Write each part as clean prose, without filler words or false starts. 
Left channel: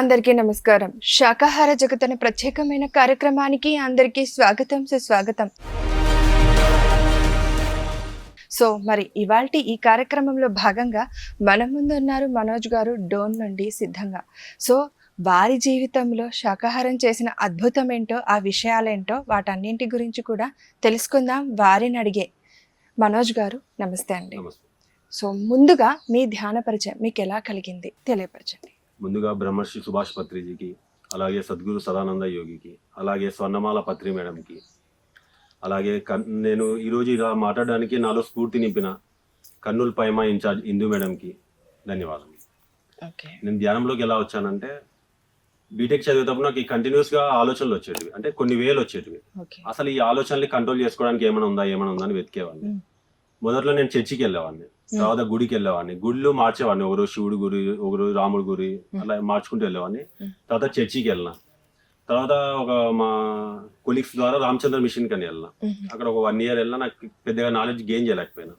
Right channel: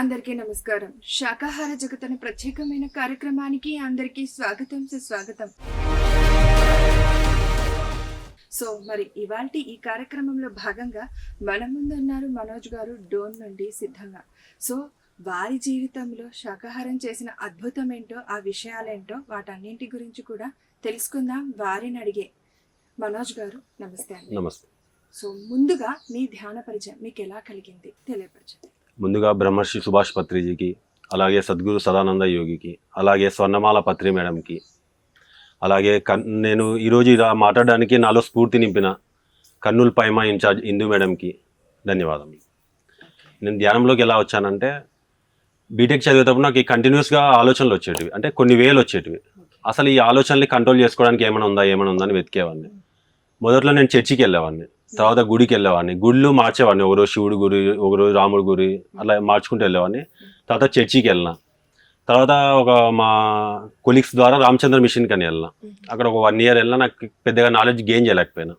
అందరికీ నమస్కారం. శాకాహార జగత్ అనే ప్రత్యేకమైన కార్యక్రమానికి అందరికీ స్వాగతం సుస్వాగతం. సో మరి ఇవాల్టి ఈ కార్యక్రమంలో భాగంగా మన ముందు ఉన్నారు మనోజ్ గారు డోన్ నుండి సిద్ధంగా. సో వారి జీవితంలో శాకాహారం చేసిన అద్భుతం ఏంటో, ఆ విషయాలేంటో, వాటన్నింటి గురించి కూడా తెలుసుకుందాం వారిని అడిగే. మనోజ్ గారు నమస్తే అండి. నమస్తే. సో ముందుగా మీ ధ్యాన పరిచయం మీకు ఎలా కలిగింది తెలియపరచండి. ముందుగా బ్రహ్మర్షి సుభాష్ పత్రిజీకి, అలాగే సద్గురు సదానంద యోగికి, అలాగే స్వర్ణమాల పత్రి మేడంకి, అలాగే నేను ఈరోజు ఇలా మాట్లాడడానికి నాలో స్ఫూర్తి నింపిన కర్నూలు పైమా ఇన్ఛార్జ్ ఇందు మేడంకి ధన్యవాదాలు. నేను ధ్యానంలోకి ఎలా వచ్చానంటే, బీటెక్ చదివేటప్పుడు నాకు కంటిన్యూస్గా ఆలోచనలు వచ్చేటివి, అంటే కొన్ని వేలు వచ్చేటివి. అసలు ఈ ఆలోచనల్ని కంట్రోల్ చేసుకోవడానికి ఏమైనా ఉందా అని వెతికేవాడిని. మొదట్లో నేను చర్చికి వెళ్ళేవాడిని, తర్వాత గుడికి వెళ్ళేవాడిని, గుళ్ళు మార్చేవాడిని, ఒకరోజు శివుడి గురి, ఒకరోజు రాముడి గురి, అలా మార్చుకుంటూ వెళ్ళేవాడిని. తర్వాత చర్చికి వెళ్ళిన, తర్వాత ఒక మా కొలీగ్స్ ద్వారా రామచంద్ర మిషన్కి అని వెళ్ళిన. అక్కడ ఒక 1 year వెళ్ళినా నాకు పెద్దగా నాలెడ్జ్ గెయిన్ చేయలేకపోయినా.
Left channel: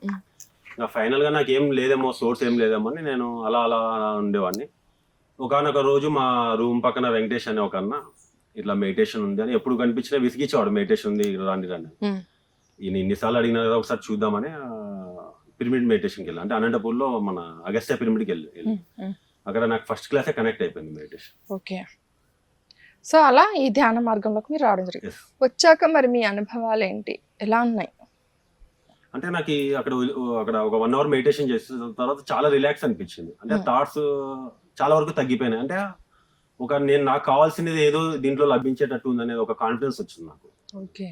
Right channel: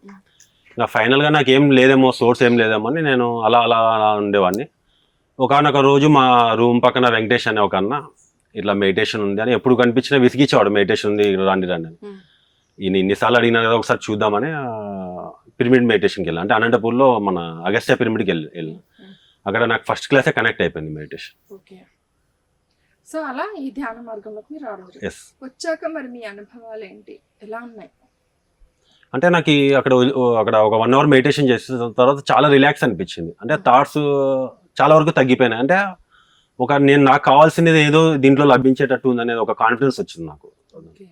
ఇంకా ఫైనల్గా నాకు ఏం లేదేమో, సోర్స్ ఏం లేదేమో అని నేను అలా అలా ఉండేవాడిని. ఒకనొక రోజు మా రూమ్ పక్కన వెంకటేష్ అనే ఒక అన్న ఇట్లా మెడిటేషన్ ఉంది అని ఎప్పుడు కనిపించినా విసిగించేవాడు, మెడిటేషన్ ఉంది రండి రండి. ఈయన ఇన్నిసార్లు అడిగినా కదా ఒకసారి చూద్దామని పిరమిడ్ మెడిటేషన్కి వెళ్ళాను. అంటే అనంతపూర్లో మన అగస్త్య పిరమిడ్కి వెళ్ళి అక్కడ నాకు ఫస్ట్ క్లాసే కనెక్ట్ అయిపోయింది మెడిటేషన్. ఓకే. సో అలా ఈ ధ్యాన మార్గంలోకి మీరు రావడం జరిగింది. వచ్చాక మరి మీ అనుభవాలు ఏంటి, ఎలా ఉన్నాయి? అంటే నాకు అక్కడ ఒక 1 hour మెడిటేషన్ చేసిన తర్వాత చాలా రిలాక్స్ అనిపించింది. అంటే థాట్స్ చాలా వరకు తగ్గిపోయినాయి. అంటే నాకు కావాల్సినది ఏదో దీంట్లో లభించేటట్టు ఉంది అనేది ఒక కాన్ఫిడెన్స్ వచ్చింది నాకు. ఓకే.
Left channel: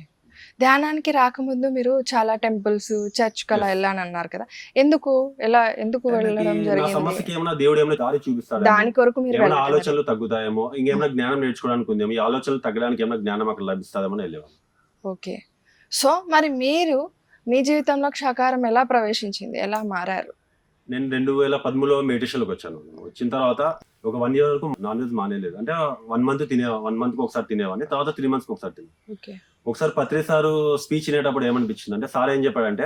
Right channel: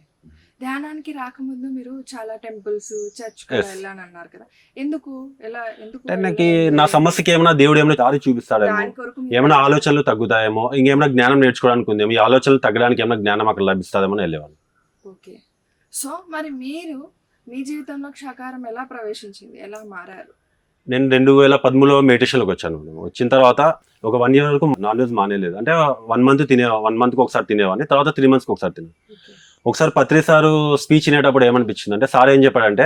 ధ్యానానికి రాకముందు మీరు చాలా టెంపుల్స్, చర్చ్ కలా వెళ్ళాను అన్నారు కదా, ఎందుకు నా సమస్యకి ఏమైనా దేవుడు ఏమైనా దారి చూపిస్తాడు, దాని కొరకు ఏమైనా ఆలోచనలు తగ్గుతాయేమో, ఇంకేమైనా జ్ఞానం నేర్చుకోవడానికి ఉందేమో, ఈ ఆలోచనలు తగ్గడానికి ఏమైనా జ్ఞానం అక్కడ లభిస్తుందేమో వెళ్ళేవాళ్ళు. ఓకే. సో మరి మీరు మీ జీవితంలో శాకాహారం ఎలా ప్రవేశించింది, ఎలా మారారు? నేను 2013లో మెడిటేషన్లోకి వచ్చాను. వచ్చిన తర్వాత ఒక 1 year వరకు నాన్ వెజ్ మానేలేదు. అంటే 1 monthకి ఒకసారి తినేవాడిని, తర్వాత 3 monthsకి ఒకసారి తినే. ఒకసారి పత్రి సారు స్పీచ్ వినేటప్పుడు ఏమనిపించింది అంటే, సార్ ఏం చెప్పాడంటే,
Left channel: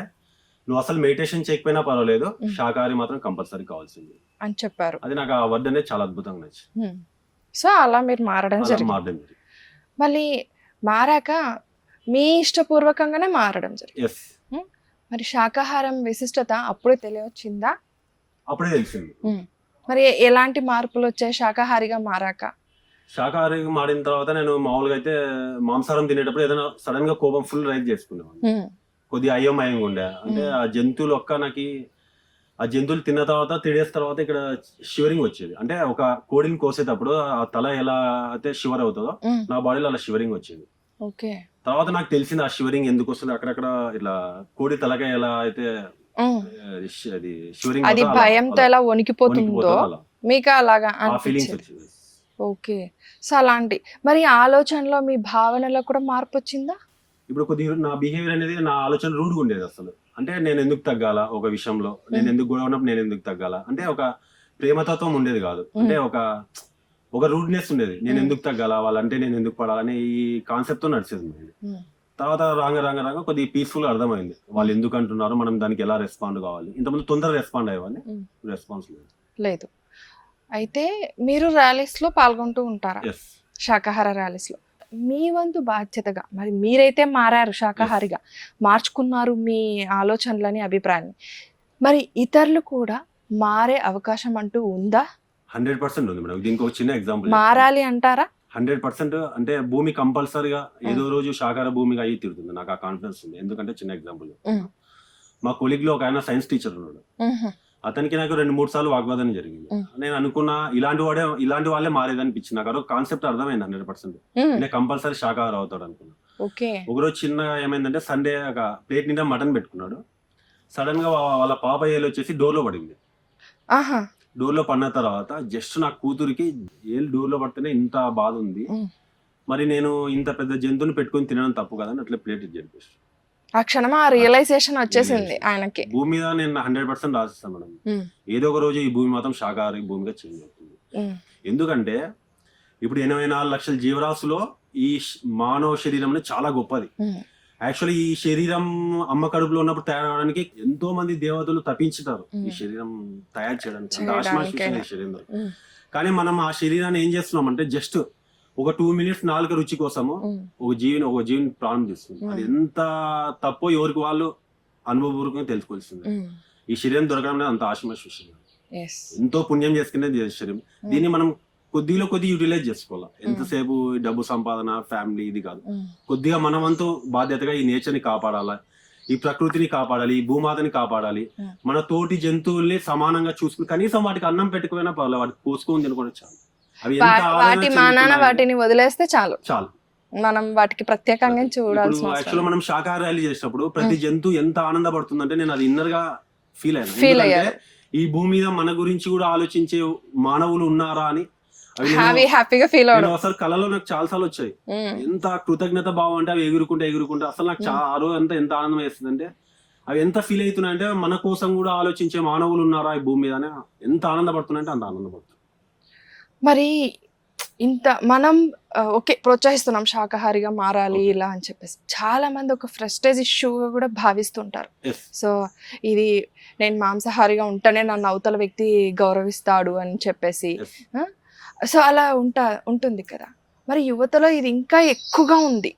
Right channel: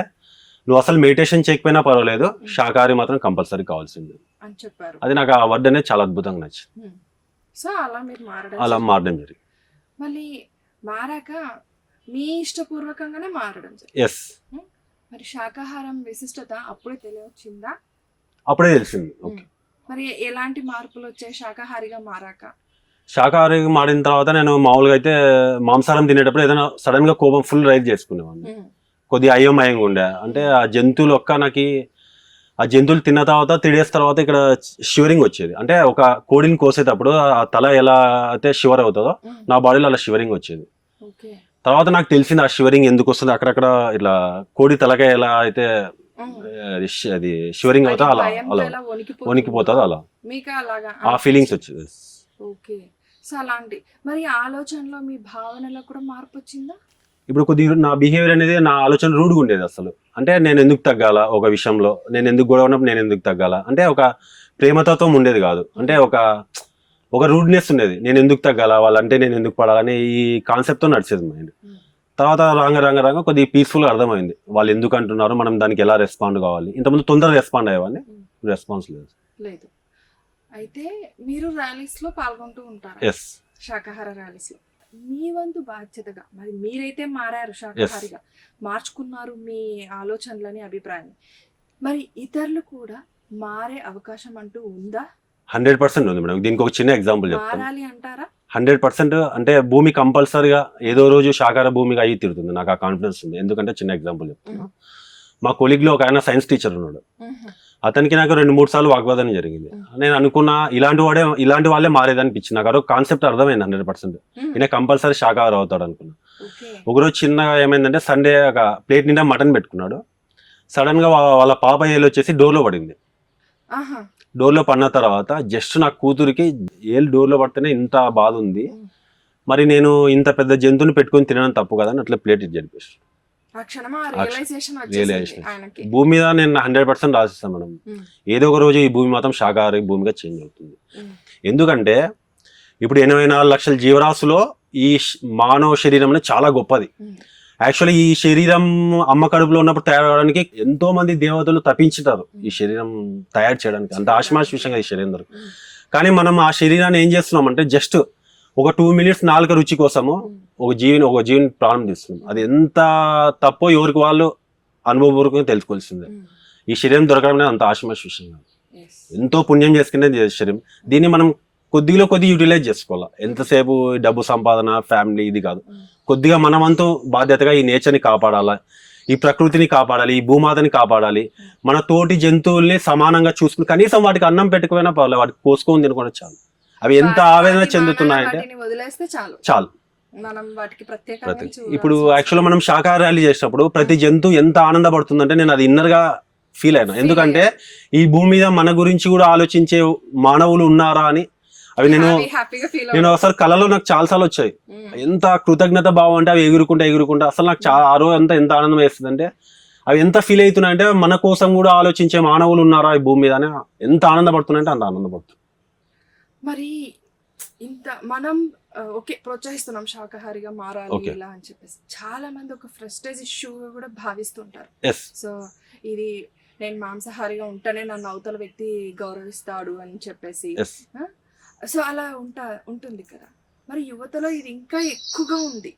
నువ్వు అసలు మెడిటేషన్ చేయకపోయినా పర్వాలేదు, శాకాహారి మాత్రం కంపల్సరీ కావాల్సింది అని చెప్పారు. అది నాకు ఆ వర్డ్ అనేది చాలా అద్భుతంగా నచ్చింది. సో అలా మీరు మారడం జరిగింది. మళ్ళీ మారాక మీ ఇష్టపూర్వకంగానే మారడం జరిగింది. ఎస్. మరి శాకాహారం విశిష్టత అప్పుడే తెలియవచ్చిందా? అప్పుడే తెలిసింది. మరి ఎలాంటి మార్పులు వచ్చాయి శాకాహారిగా మారాక? శాకాహారిగా మారిన తర్వాత నేను మామూలుగా అయితే మాంసాహారం తినేటప్పుడు ఏదైనా సడన్ గా కోపం ఫుల్ రైజ్ చేసుకునేవాడిని. కొద్దిగా అయోమయంగా ఉండే. అంటే ఆ జంతువులు ఆ జంతువులు తిన్న తర్వాత 3 days తర్వాత ఇక్కడ షివరింగ్ వచ్చేది. అంటే ఒక కోడిని కోసేటప్పుడు ఆ తల ఎలా అయితే షివర్ అవుతుందో నా బాడీలో అలా షివరింగ్ వచ్చేది. తర్వాత నాకు తెలిసింది ఆ షివరింగ్ ఎందుకు వస్తుంది, అక్కడక్కడ ఇట్లా కోడి తలకాయ ఎలా అయితే అది షివరింగ్ వణికిపోతుందో అలా మీకు అలాగా ఆ ఫీలింగ్స్ వచ్చింది. ఓకే. సో అలాంటి మరి ఆలోచనలో, మీ భావనలో కూడా మార్పు వచ్చిందా? ఇప్పుడు కొద్దిగా నా బిహేవియర్ అనేది, నా ఆలోచన రూడ్గా ఉండేది అసలు. అంటే నేను ఎందుకు తగ్గాల ఒక విషయంలో, నేను ఎందుకు గొడవ ఉన్నప్పుడు నేను ఎందుకు తగ్గాల, అంటే ఒక ప్రేమతత్వం ఉండేది కాదు. అంటే ఒక రూడ్నెస్ ఉండేది, నేను ఎందుకు తగ్గాల, వాళ్ళంటే నేను ఎందుకు పడాలని ఈ కాన్సెప్ట్తో నడిచేది మైండ్. తర్వాత రాంగ కొద్దిగా పీస్ఫుల్గా అర్థమైంది, వాళ్ళు ఎందుకు అంటున్నారు, మనం దానికి ఎలా రెస్పాండ్ కావాలి. ఇంతకుముందు తొందరగా రెస్పాండ్ అయ్యేవాడిని, రెస్పాన్స్ లేదు. అయితే మీరు ర్యాలీస్ లో పాల్గొంటూ ఉంటారా? ఎస్. శాకాహార ర్యాలీస్ లో మీ వంతు బాధ్యతగా మరి మీరైతే మారారు, శాకాహారిగా మార్చుకున్నారు మీ ఆలోచనలని, అభిప్రాయాన్ని. మరి ఇతరులు కూడా మారే అవకాశం అంటూ ఉందా? 100% ఉంది మేడం. దీనికి ఒక చిన్న ఎగ్జాంపుల్ మారాలి అంటారా? 100%. అంటే భూమి కంపల్సరీగా ఏదో రోజు శాకాహార భూమిగా అయ్యి తిరుగుతుంది, నాకు ఆ కాన్ఫిడెన్స్ ఉంది. ఎందుకంటే చిన్న ఎగ్జాంపుల్ చెప్తాను. మా కొలీగ్ లో ఒక ఆయన సైన్స్ టీచర్ ఉన్నాడు. అతనికి నాకు 2-3 సార్లు వాగ్వాదం జరిగింది. నేను అనుకున్నా ఇలాంటి వాళ్ళే మారేదనిపించింది. నాకు అదొక కాన్సెప్ట్ అర్థమైంది 100%. ఈయన కంపల్సరీ శాకాహారం అవుతాడు అనుకున్నా. ఒకరోజు చిన్నగా ఏమైందంటే, సండే ఒక ప్లేట్ నిండా మటన్ పెట్టుకున్నాడు. సడన్ గా వాళ్ళ పాప ఏలు వచ్చేసి డోర్ లో పడింది. డోర్ లో పడిన తర్వాత జస్ట్ నా కూతురికి ఏళ్ళు డోర్ లో పడితేనే ఇంత బాధ ఉంది, మరి నేను ఇంత పెద్ద జంతువుని పెట్టుకుని తినడం తప్పు కదా అని అట్లా ప్లేట్ జరిపేసి భూమి మీద నేను 100% రాసిస్తాను మేడం. ఏదో ఒక రోజు ఈ భూమి మాత్రం శాకాహారి భూమిగా చేంజ్ అవుతుంది. ఎందుకంటే ఇప్పుడు 84 లక్షల జీవరాశులో ఈ మానవ శరీరం అనేది చాలా గొప్పది. యాక్చువల్లీ ఈ శరీరం అమ్మ కడుపులో ఉన్నప్పుడు తయారవడానికి ఎంతో మంది దేవతలు తప్పించుతారు ఈ శరీరం తయారు చేయడానికి. అంత ఆశ్మాష్ విషయంగా ఈ శరీరం దొరుకుతుంది. కానీ మనం ఆ శరీరాన్ని ఏం చేస్తున్నాం అంటే జస్ట్ ఒక 2 minutes నాలుక రుచి కోసము ఒక జీవిని ప్రాణం తీస్తుంది. అది ఎంత తప్పో ఎవరికి వాళ్ళు అనుభవపూర్వకంగా తెలుసుకోవాల్సిందే. ఈ శరీరం దొరకడం అనేది అంత ఆశమాష విషయం కాదు. ఎంతో పుణ్యం చేసుకునేది శరీరం. దీన్ని మనం కొద్దిగా యూటిలైజ్ చేసుకోవాలి. ఎంతసేపు డబ్బు సంపాదన, ఫ్యామిలీ ఇది కాదు. కొద్దిగా మనమంతూ బాధ్యతగా ఈ నేచర్ని కాపాడాలి, ఈ ప్రకృతిని కాపాడాలి, ఈ భూమాతని కాపాడాలి. మన తోటి జంతువుల్ని సమానంగా చూసుకుని కనీసం వాటికి అన్నం పెట్టుకుపోయినా పర్లేదు, వాటికి కోసుకొని తినుకోవడం చాలు. అవి ఎంత ఆవేదన చెందుతున్నాయి, వాటిని వదిలేస్తే చాలు చాలు. మనం వాటికి ప్రత్యేకంగా ఇప్పుడు యాక్చువల్గా మనం శాకాహారాలు చేసినప్పుడు ప్రతి జంతువు ఎంత ఆనందపడుతుందంటే నేను అది ఇన్నర్ గా ఫీల్ అయినా. ఎందుకంటే ఈ భూమి మీద మన గురించి కూడా ఆలోచించే మానవులు ఉన్నారా అని. అవి నేను అసలు కళలో నాకు చాలా సార్లు వచ్చాయి. ఎంత కృతజ్ఞత భావం అంటే అవి ఎగురుకుంటా అసలు నాకు ఆ రోజు అంతా ఎంత ఆనందం వేస్తుంది అంటే అవి ఎంత ఫీల్ అవుతున్నాయంటే మన కోసం కూడా ఆలోచించే మానవులు ఉన్నారా ఈ భూమి మీద అని ఎంత ఆనందపడుతున్నాయంటే అంత ఆనందపడుతుంది. మరి ఇంత మనం ఓకే ప్రోత్సహిస్తున్నాం శాకాహారిగా మారాలి ఇలా అని చెప్పేసి, చాలా మంది ఒక ఫ్రెస్టేజ్ ఇష్యూగా కూడా భావిస్తుంటారు. సో ఇది నేను మాంసాహారిగా ఉంటేనే నన్ను అవతల వ్యక్తి గౌరవిస్తాడు అని చెప్పేసి, సో అలా ఉంటుంది కదా. మరి యువతలో ఇది ఇంకా ఎక్కువగా ఉంది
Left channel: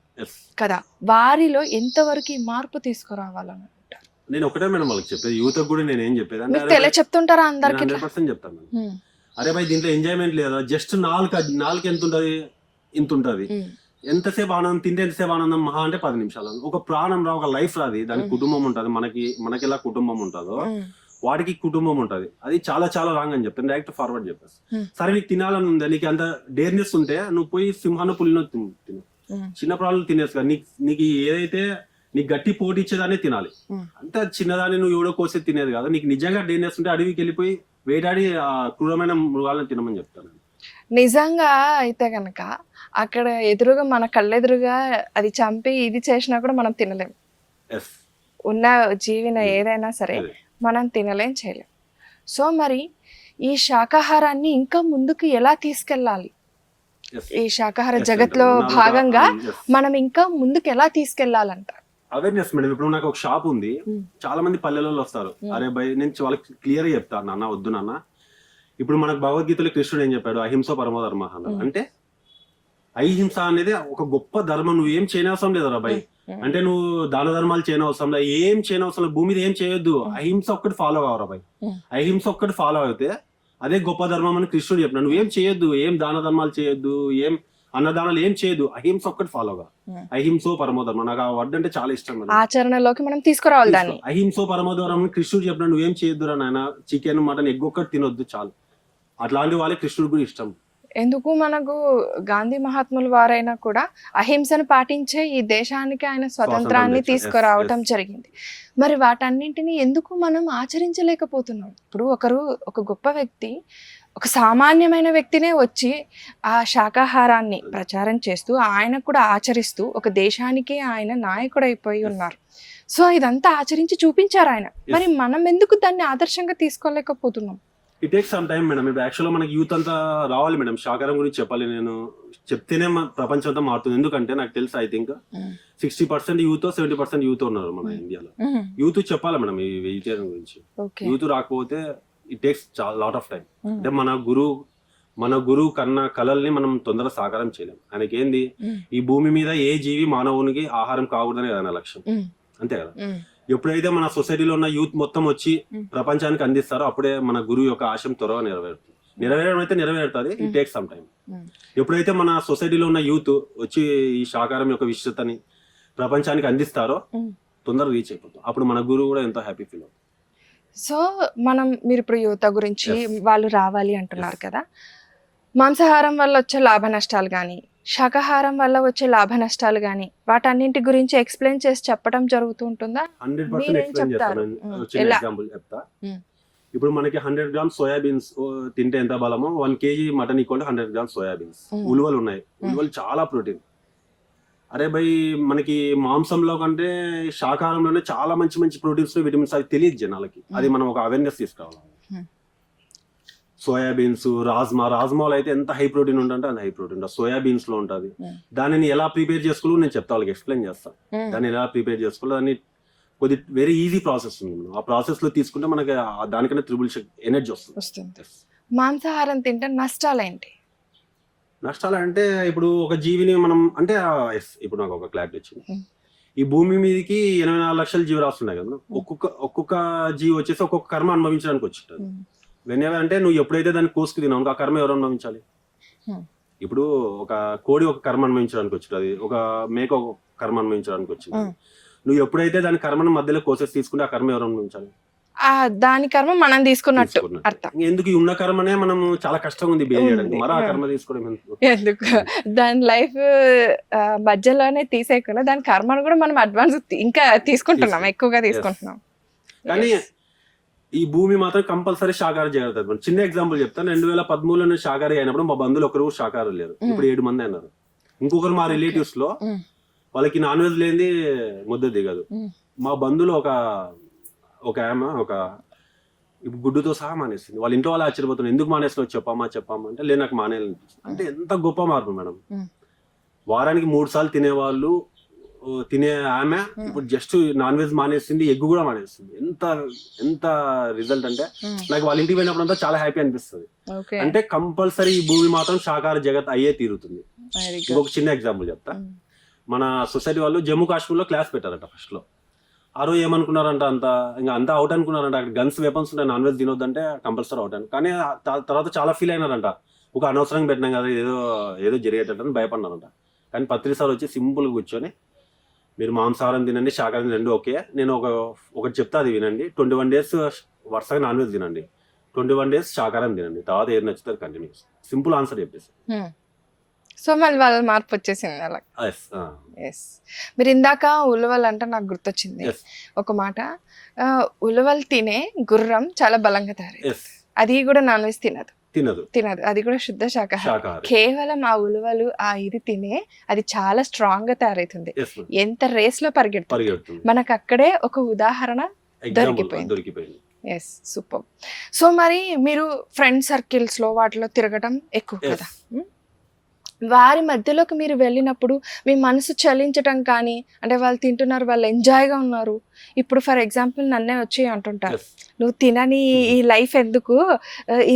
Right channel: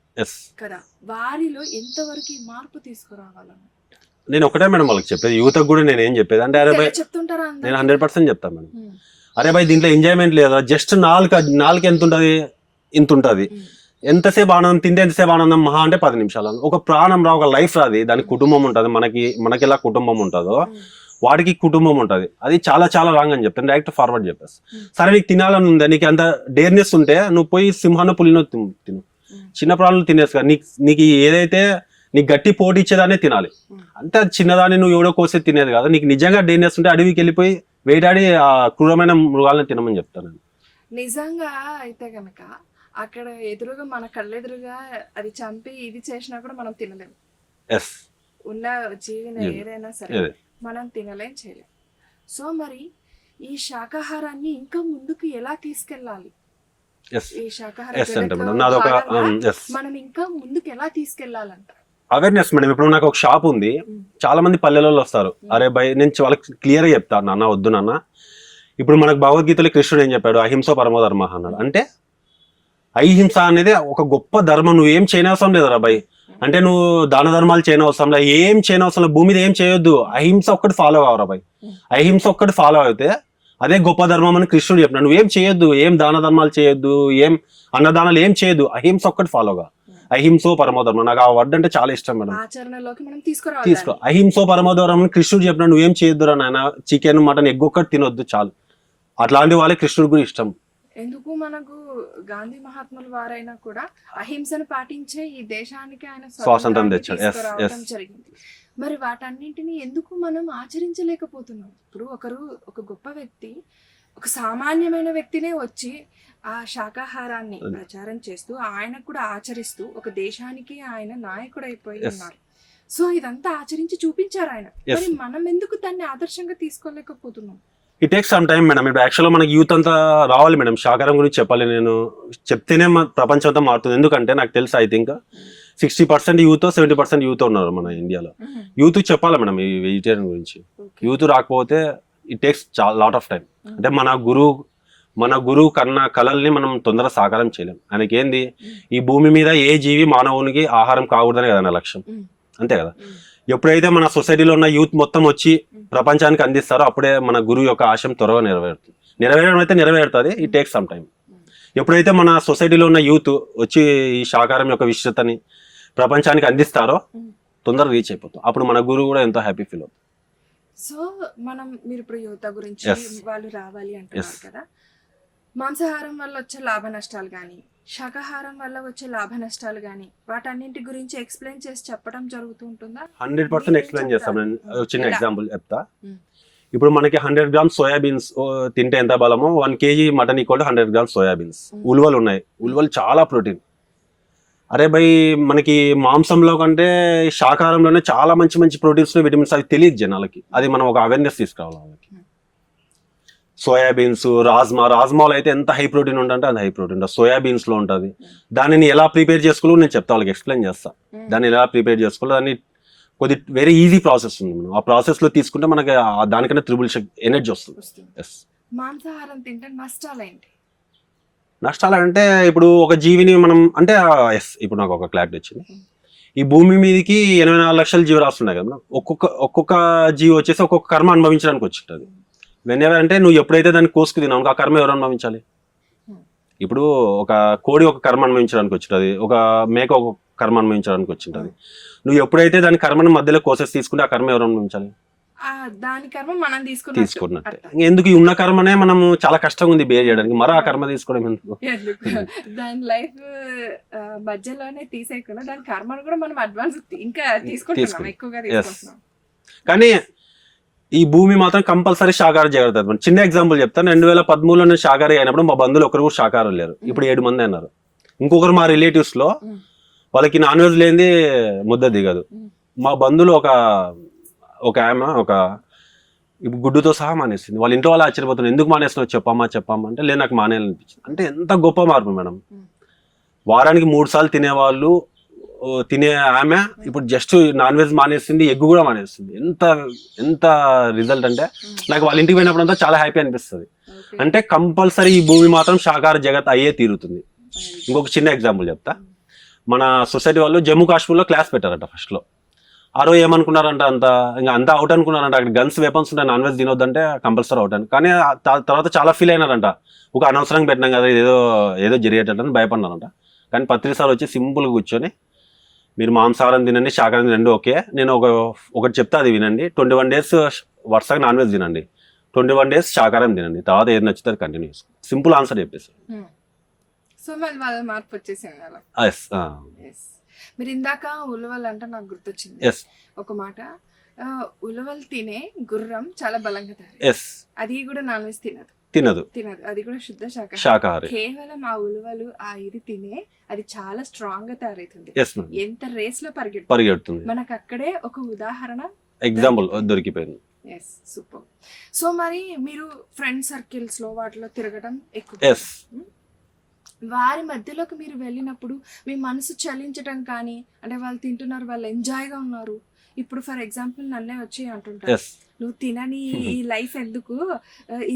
కదా, వారిలో ఎంతవరకు ఈ మార్పు తీసుకురావాలని నేను ఒకటే మేడం వాళ్ళకి చెప్పేది, యువతకు కూడా నేను ఏం చెప్పేది అంటే చెప్తుంటారా అందరూ 100% చెప్తాను మేడం. అరే భయ్ దీంట్లో ఎంజాయ్మెంట్ లేదా, జస్ట్ నాలుగు ఎంత ఉంటుంది, ఇంత ఉంటుంది. ఎంతసేపు ఆనందం తింటే ఎంతసేపు ఆనందం, మహా అంటే 10 నిమిషాలు. ఒక ప్రాణం రా, ఒక లైఫ్ రాది, దానికి కుటుంబం ఉంటుంది. మనకి ఎలా కుటుంబం ఉంటుందో వాడికి కుటుంబం ఉంటుంది. అది చాలా చాలా రాంగ్ అని చెప్తాను, డైరెక్ట్ ఫార్వర్డ్ చెప్పేసి. సరే నీకు తినాలని ఉందా, నీకు అంత డేర్నెస్ ఉంటే నువ్వు పోయి సింహాన పులినో తిను, చిన్న ప్రాణులు తినేసి కదా. నీకు ఏదైతే నీకు గట్టి పోటీ ఇచ్చేదానే తినాలి. అంతే, చిన్నదాన్ని నువ్వు ఎవడో కోసే తినేది కాదు. నీకు నిజంగా డేర్నెస్ ఉంటే అడవికి వెళ్ళిపోయి వేటాడి ఆ క్రూరమైన మృగాలను తినమని చెప్తాను. నిజంగా అయితే కనుక అక్కడ ఎదురుగా మన కళ్ళెదురుగా అది చంపి ఇది చేసినా కూడా మనం తినలేం. ఉన్న జీవిన ఏదైనా సరే మనం తినలేం, చేయలేం. సో మరి ఈ శాకాహారాన్ని ఇంకా ముందుకు ఎలా తీసుకెళ్ళాలి, ఈ శాకాహార జగత్లో భాగంగా మనం ఇంకా ముందుకు ఎలా తీసుకెళ్లాలంట? Awareness madam. ఇప్పుడు నాకు ఒక షాప్ ఉంది, చాలా మంది పల్లెలలో వస్తారు. అరే భయ్ నేను వాళ్ళకి క్లియర్ గా చెప్తాను, నాన్న వద్దు నాన్న. ఇప్పుడు మనకు భగవద్గీతలో కృష్ణుడు ఏం చెప్పాడు, అహింస పరమో ధర్మ అన్నాడు. అంటే అహింస అనేది ఒక గొప్ప ధర్మం. నువ్వు ఏం చేయనవసరం లేదురా భయ్. అంటే నువ్వు దాన ధర్మాలు చేయనవసరం లేదు, ఏం చేయనవసరం లేదు, భూమి మీద ఏం చేయొద్దు, అహింస ఒక్కటి ఫాలో కావరా భయ్. అహింస ఒక్కటి ఫాలో అయితే అదే గొప్ప ధర్మం అని కృష్ణుడు చెప్పినాడు. నువ్వేం చేయొద్దు, ఏం దాన ధర్మాలు చేయొద్దు, ఏం అన్నదానాలు ఏం చేయదు, అహింస ఒక్కటి ఫాలోగా. అహింసో పరమోధర్మం, నాకు ఆ వర్డ్ అంటే చాలా ఇష్టం మేడం. ఆచరణలోకి మనం తీసుకురావాలి. అహింసో పరమోధర్మం అని కృష్ణుడు చెప్పినాడు. నువ్వేం చేయొద్దురా నాయన, చికెన్ మటన్ ఎగ్ ఒక్కటి తినొద్దు చాలు. అట్లాంటి వాళ్ళే కృష్ణుడు కూడా ఇష్టం. ఎందుకు మనకు గాంధీ మహాత్ముల వారైనా కూడా అహింసను పాటించే ఈ దేశానికి ఆయన స్వతంత్రాన్ని తీసుకురావడం జరిగింది. మరి వాటన్నింటినీ ఎందుకు మనం ఆచరించలేకపోతున్నాం? ఇప్పుడు ఒక గొప్ప వ్యక్తి, ఒక సామాన్యమైన వ్యక్తినే వచ్చి ఆ శాకాహారాన్ని ప్రచారం చేస్తూ ఆయన కూడా ఆచరిస్తూ ఒక దేశానికి ఆయన నాయకుడు అయిపోయి ఉన్నారు. సో ఇదంతా ఆచరించి చూపించారు ఆయన. మరి మనం ఎందుకు దాన్ని ఆదర్శంగా తీసుకోలేకపోతున్నాం? It takes some time madam. ఇప్పుడు యాక్చువల్గా మనకి యూత్ అంతా రావాలి మేడం, శాకాహారం గురించి చెప్పాలి. నేను చెప్తేనే ప్రపంచం అంతా మారుతుంది. ఎందుకంటే నాకు తెలుసు, ఐ థింక్ 60% యూత్ 70% యూత్ ఉన్నారు మన ఇండియాలో. యూత్ చెప్పాలి మేడం ఈ వెజిటేరియన్ గురించి. యూత్ రాకపోతే it takes lot of time. అంటే మన గురువు కన్నా కళల్ని మనం తొందరగా సాకారం చేయలేం. ఆయనకి ఏంది, ఈ భూమి మీద ఏ జీవి మానవునికి ఆహారం కాకూడదనే కదా నా లక్ష్యం, అంతే కదా. ఎప్పుడైతే మన సొసైటీలో ఉన్న యూత్ మొత్తం వచ్చి ప్రపంచానికి అందిస్తారో అప్పుడే మన గురువు యొక్క ఆశయం త్వరగా నెరవేరడం అయితే నెరవేరుతుంది. It takes some time. ఎప్పుడైతే మన సొసైటీలో ఉన్న యూత్ వచ్చి ఈ శాకాహారం యొక్క విశిష్టతని ప్రపంచానికి అందిస్తారో తొందరగా రీచ్ అయిపోతాం. అప్పుడు మన గురువు కూడా ఎంతో హ్యాపీ ఫీల్ అవుతుంది. సో మీరు ఇప్పుడు యువత గురించి వాళ్ళు రావాలి అంటున్నారు కదా, మాంసాహారం వల్ల వచ్చే లాభ నష్టాలు కానీ శాకాహారం వల్ల వచ్చే లాభ నష్టాలు కానీ వాటన్నింటి గురించి ఎక్స్ప్లెయిన్ చేసి చెప్పడం జరుగుతూ ఉంటుందా? 100% ఎక్స్ప్లెయిన్ చేస్తాను. చిన్న ఎగ్జాంపుల్ చెప్తా. ఇప్పుడు మనకి 100 grams సోయాబీన్స్ తింటే ఎంత బలమో 1 kg mutton equal 100 grams soybeans. ఉలువలు ఉన్నాయి, ఉలువలు చాలా ప్రోటీన్. అరే భయ్ మనకి మాంసంలో కంటే శాకాహారంలోనే చాలా మంచి మంచి ప్రోటీన్స్ విటమిన్స్ అవి తెలియదు జనాలకి. అది మనం ఒక అవేర్నెస్ తీసుకురావాలి. సోయాబీన్స్, రాజ్మాలో అయితే ఎంత హై ప్రోటీన్ ఉంటుంటే అది హై ప్రోటీన్ సోయాబీన్స్ లో ఉంటుంది. దానిని ఎలా ప్రిపేర్ చేసుకోవాలో నేను చెప్తా, వాళ్ళకి ఎక్స్ప్లెయిన్ చేస్తా. దాన్ని ఎలా ప్రిపేర్ చేసుకోవాలో దాన్ని కొద్ది వెరీ ఈజీ ప్రాసెస్ ఉంది. ఆ ప్రాసెస్ లో తీసుకుంటే మనకి దానికన్నా త్రిబుల్ ఎనర్జీ వస్తుంది. మాంసాహారం తింటే నష్టాలేంటి? నష్టాలు అంటే ఇప్పుడు ఒక జీవిని మనం అంటే ఎస్ ఇప్పుడు నాకు ఒక క్లారిటీ వచ్చింది. ఈ భూమి మీదకి 84 లక్షల జీవరాశులు ఉన్నాయి కదా, ఒక్కొక్క జీవి వచ్చేసి ఒక్కొక్క కర్మ అనుభవించడానికి వచ్చింటుంది. వెనెవర్ అంటే నువ్వు ఎప్పుడైతే దాన్ని కోసుకు తిన్నావు ఆ కర్మ ఎవరు అనుభవించాలి? ఇప్పుడు ఒక కోడి ఒక కర్మ అనుభవించడానికి వచ్చింది, ఒక మేక ఒక కర్మ అనుభవించడానికి వచ్చింది. నువ్వు ఎప్పుడైతే దాని కర్మను మధ్యలో కోసేసి తీసుకుంటే ఆ కర్మ ఎవరు అనుభవించాలి? దాని కర్మ మనం తీసుకున్నట్టు అర్థం. ఎందుకు ఈ ఉన్న కర్మనే మనం చాలా కష్టంగా ఉంది బేర్ చేయడానికి, మరి ఆ కర్మ తీసుకోవడం ఎందుకు? దాని లైఫ్ మధ్యలోనే తీసేయకుండా దాని కర్మను కూడా మనం అడ్వాన్స్ ఇంకా తీసుకుంటున్నాం, ఎక్కువగా తీసుకుంటున్నాం. కానీ ఈ భూమి మాత్రం కంపల్సరీ శాకాహార జాగ్రత్త. చిన్న ఎగ్జాంపుల్ చెప్తాను. 2013లో నేను శాకాహారి అయినప్పుడు మా బంధువులు ఒకరు కూడా శాకాహారం లేరు, ఇప్పుడు 7 మంది అన్నారు. ఇంకొకరు మా రిలేటివ్స్ లో వాళ్ళకి నాన్ వెజ్ లేనిది ముద్ద దిగదు. మా బంధువులు ఒక ఆమె ఇప్పుడు గుడ్డుతో సహా మానేసింది. వాళ్ళ ఇంట్లో వాళ్ళు ఆశ్చర్యపోతున్నారు, ఎందుకు మానేస్తున్నావు చెప్పమ్మా అంటే లేదు నాకు మానేయాలనిపించింది. అంటే ఎంత గొప్ప మార్పు మేడం. వారానికి 3 సార్లు తినేవాళ్ళు తినే ఆమె ఇప్పుడు జస్ట్ నాన్ వెజ్ మానేస్తుంది, ఎగ్ కూడా మానేస్తుంది. ఎంత రిజల్ట్ అంటే నాకు వాళ్ళ ఇంటికి పోయినప్పుడు చాలా హ్యాపీ అనిపిస్తుంది. అంటే కంపల్సరీ ఈ భూమి మాత్రం శాకాహార జగత్ అయ్యే తీరుతుంది. ఇంకొక చిన్న ఎగ్జాంపుల్ చెప్తా. మన సొసైటీ వాళ్ళు జమ్మూ కాశ్మీర్లో క్లాస్ పెట్టారట. ఫస్ట్ లో ఆ రోజు ఏమనుకున్నారంట, అంతా అవుట్ అనుకున్నారంట. అక్కడ గన్స్ వెపన్స్ ఉంటాయి, నాన్ వెజ్ తినొద్దంటే కంపల్సరీ అవుట్ అని. కానీ తర్వాత చాలా ఫీల్ అయినారంట, ఒక అనవసరంగా పెట్టినాం కదా, ఏదో జరిగేటట్టు భయపడినారంట. కానీ పత్రిక సార్ వచ్చి సింపుల్గా కూర్చొని మీరు మాంసాహారం తినండి, శాకాహారం తినండి, ఓకే నేను ఒకటి చెప్తా, అది వినండి. 21 days వరుసగా నాన్ వెజ్ తినండి, 21 days శాకాహారం తినండి, తర్వాత ఏది నచ్చుతుంది కంటిన్యూ. సింపుల్ ఆన్సర్ చెప్పేసి. సో మళ్ళీ వాళ్ళ మార్పు వచ్చేసింది అలా. మీరు ఇందాక ఉలవలు అంటే నాకు గుర్తొచ్చింది ఒక మాట. ఉలవలు తినే గుర్రం చాలా బలంగా తయారు, అది కూడా నాన్ వెజ్ తినదు, అది కూడా శుద్ధ శాకాహారం. కేవలం ఆ ఉలవలు ఇది తినే అది చాలా స్ట్రాంగ్ గా తయారైతుంది. ఎంత రేస్ లో పరిగెడుతుంది. మనకు అక్కడే ఒక ఉదాహరణ దొరికిపోయింది. Yes, super. సో మరి మీరు ఫ్రెండ్ సర్కిల్స్ లో వాటిలో తిరగడం ఎక్కువ కదా, వారి మధ్యలోకి మీరు వెళ్ళినప్పుడు మీ మనసు చలించటం కానీ, అంటే వాళ్ళు తింటున్నారు, వాళ్ళు ఎంజాయ్గా ఉన్నారు. ఇప్పుడు ఫర్ ఎగ్జాంపుల్ నన్నే వచ్చి అంటుంటారు, నువ్వు తినని ఈ లైఫ్ ఎందుకు,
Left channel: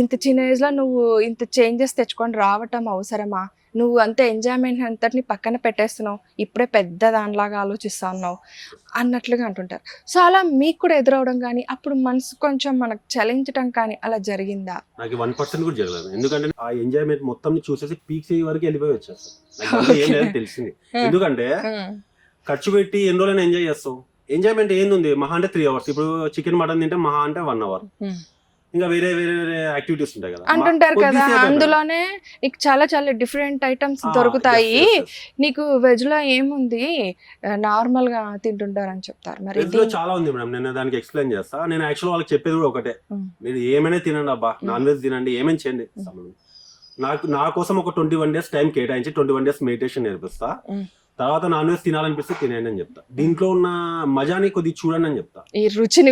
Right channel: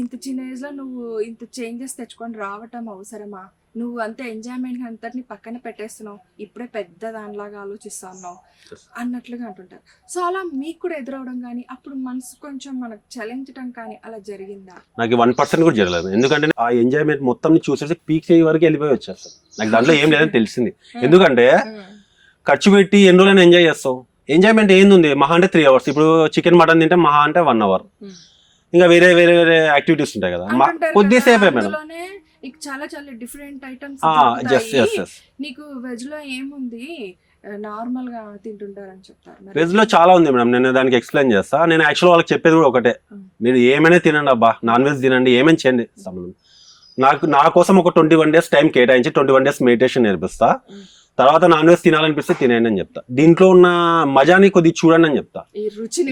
ఇంత చిన్న ఏజ్లో నువ్వు ఇంత చేంజెస్ తెచ్చుకొని రావటం అవసరమా, నువ్వు అంత ఎంజాయ్మెంట్ అంతటిని పక్కన పెట్టేస్తున్నావు, ఇప్పుడే పెద్ద దానిలాగా ఆలోచిస్తా ఉన్నావు అన్నట్లుగా అంటుంటారు. సో అలా మీకు కూడా ఎదురవడం కానీ, అప్పుడు మనసు కొంచెం మనకు చలించడం కానీ అలా జరిగిందా? నాకు 1% కూడా జరగలేదు. ఎందుకంటే ఆ ఎంజాయ్మెంట్ మొత్తం చూసేసి పీక్ చేయ వరకు వెళ్ళిపోయి వచ్చేస్తాను. నాకు దాంట్లో ఏం లేదని తెలిసింది. ఎందుకంటే ఖర్చు పెట్టి ఎన్ని రోజులైనా ఎంజాయ్ చేస్తావు. ఎంజాయ్మెంట్ ఏంది, మహా అంటే 3 hours. ఇప్పుడు చికెన్ మటన్ తింటే మహా అంటే 1 hour. ఇంకా వేరే యాక్టివిటీస్ ఉంటాయి కదా, అందులోనే నీకు చాలా చాలా డిఫరెంట్ ఐటమ్స్ దొరుకుతాయి. నీకు వెజ్ లో ఏముంది, నార్మల్ గా తింటుంటారు అని చెప్తారు. వెజ్ లో చాలా ఉంది మేడం, నేను దానికి ఎక్స్ప్లెయిన్ చేస్తా. నేను యాక్చువల్ వాళ్ళకి చెప్పేది కూడా ఒకటే, మీరు ఏమైనా తినండి అబ్బా, నాన్ వెజ్ తినండి, ఏమైనా చేయండి సంబంధం. నా కోసం ఒక 21 days టైం కేటాయించి 21 days మెడిటేషన్ నేర్పిస్తా. తర్వాత నాన్ వెజ్ తినాలనిపిస్తే తినేయండి అని చెప్తా. దీంట్లో ఉన్న మజాని కొద్దిగా చూడండి అని చెప్తా, ఈ రుచిని,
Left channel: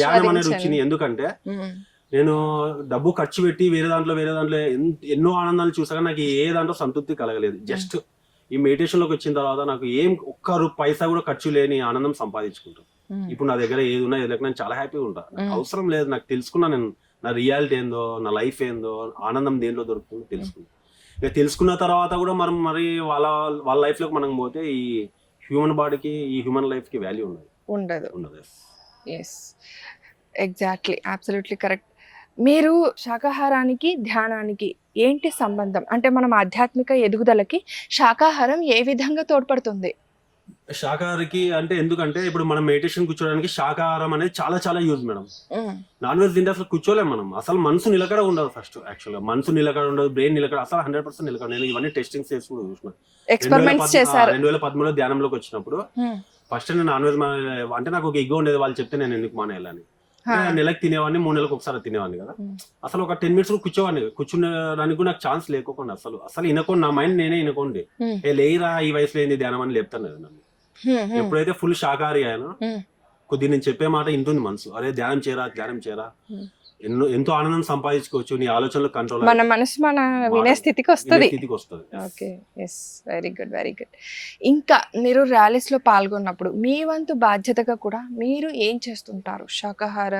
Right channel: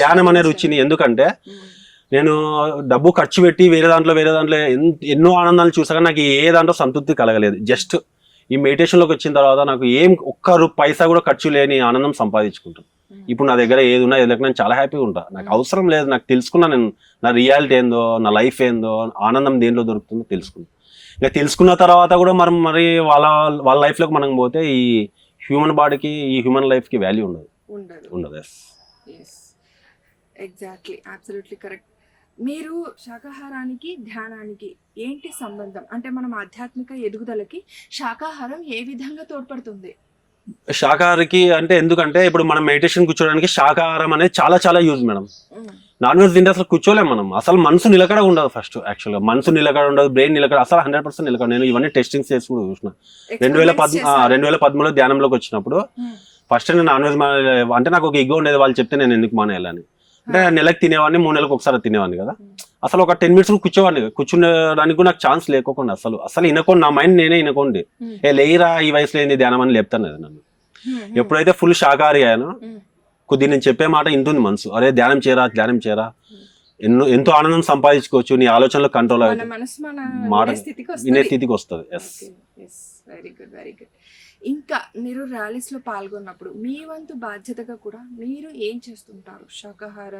ధ్యానం అనే రుచిని. ఎందుకంటే నేను డబ్బు ఖర్చు పెట్టి వేరే దాంట్లో ఎన్నో ఆనందాలు చూసాక నాకు ఏ దాంట్లో సంతృప్తి కలగలేదు. జస్ట్ ఈ మెడిటేషన్ లోకి వచ్చిన తర్వాత నాకు ఒక్క పైసా కూడా ఖర్చు లేని ఆనందం సంపాదించుకుంటాను. ఇప్పుడు నా దగ్గర ఏది ఉన్నా ఏదో నేను చాలా హ్యాపీగా ఉంటా. నాకు అవసరం లేదు, నాకు తెలుసుకున్నా నేను నా రియాలిటీ ఏందో, నా లైఫ్ ఏందో, ఆనందం దేంట్లో దొరుకుతుందో తెలుసుకున్నా. ఇంకా తెలుసుకున్న తర్వాత కూడా మరి వాళ్ళ లైఫ్ లోకి మనం పోతే ఈ హ్యూమన్ బాడీకి, ఈ హ్యూమన్ లైఫ్ కి వాల్యూ ఉండదు. Exactly, absolutely correct. మీరు శాకాహారానికి ధ్యానానికి ఏంటి సంబంధం? అంటే మనం ఆధ్యాత్మిక ఎదుగుదలకి శాకాహారం ఏ విధంగా తోడ్పడుతుంది? శాకాహారికి అంటే ఎందుకంటే ఇప్పుడు మనం మెడిటేషన్ కూర్చోడానికి శాకాహారం అనేది చాలా చాలా యూజ్ మేడం. నాన్ వెజ్ తింటే అసలు కూర్చోలేము మనం, అసలు మనసు నిలకడ ఉండదు. ఫస్ట్ యాక్చువల్గా మనసు నిలకడ ఉండదు, బ్రెయిన్ నిలకడ, అసలు 100% నిలకడ. నేను ఇవన్నీ టెస్టింగ్స్ చేసి కూడా చూసిన. 2013లో ధ్యానంలోకి వచ్చినప్పుడు ఫస్ట్ నేను నాన్ వెజ్ అంటే నాకు ఒక ఎగ్ ఉండేది, వాళ్ళు చెప్తే నేను ఎందుకు మానేయాలని. అంటే నెలకు తినేవాడిని, 3 నెలలకు ఒకసారి తినేవాడిని కదా. అసలు ఒక 10 minutes కూర్చోడానికి కూడా నాకు ఛాన్స్ లేకుండా అసలు వినకోండి, నా మైండ్ నేనే వినకోండి, లేరా ఈ వయసులో ఏంది ధ్యానం అని లేపుతాను కదా నన్ను. ఎప్పుడైతే ఫుల్ శాకాహారి అయ్యానో కొద్దిగా నేను చెప్పే మాట ఇంటుంది మనసు, అరే ధ్యానం చేయరా ఎంతో ఆనందం సంపాదించుకోవచ్చు. నీ ఆలోచనలో కంట్రోల్ మన మనసు మన మాట- వినే స్థితికి వినే వస్తుంది. స్థితికి వస్తుంది. Okay, yes, very good, very good. ఇంకా మీరు ర్యాలీస్లో పాల్గొన్నప్పుడు మీ వంతు బాధ్యతగా కూడా మీరు ఏం చేస్తుంటారు? శాకాహార